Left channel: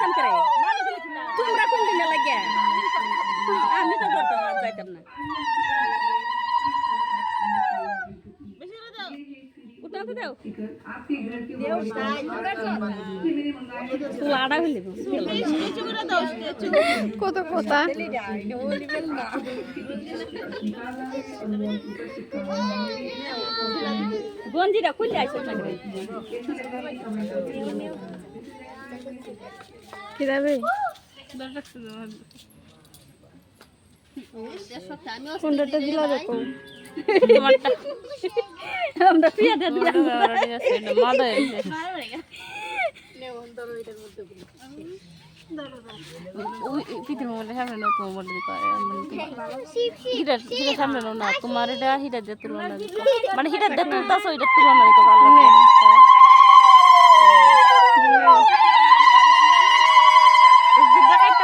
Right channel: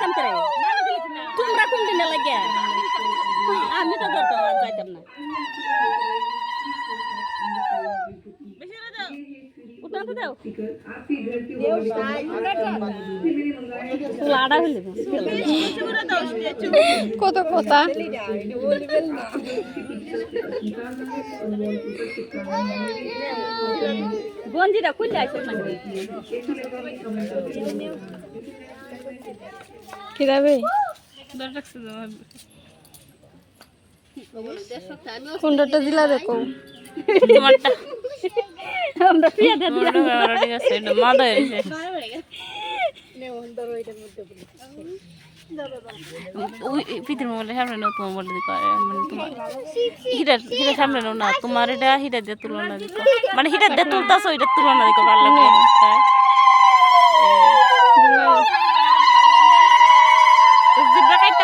যাইতাম করে তোমরা কোন দিনে লাগে আমি তো ধরতাম আর যাইতাম না উঠাতে দাও লাড়া হইলে কত কথা গঞ্জিটা খুললে আসো না কি যাবে কোনটা দিলা দেখো তোমারটা আমরা পিয়া দে দিলাম ঠিক আছে এটা মাদা হইছে ওই পিতর মোবাইল সামনে নাও তোমার মোবাইল দিকে হিটা হিটা সামনে নাও না তোমার এটা হিটা দিয়ে তুলনা দিকো মানে হিটা দিয়ে তুলতাছো এটা তুলনা দিকো ভালো লাগে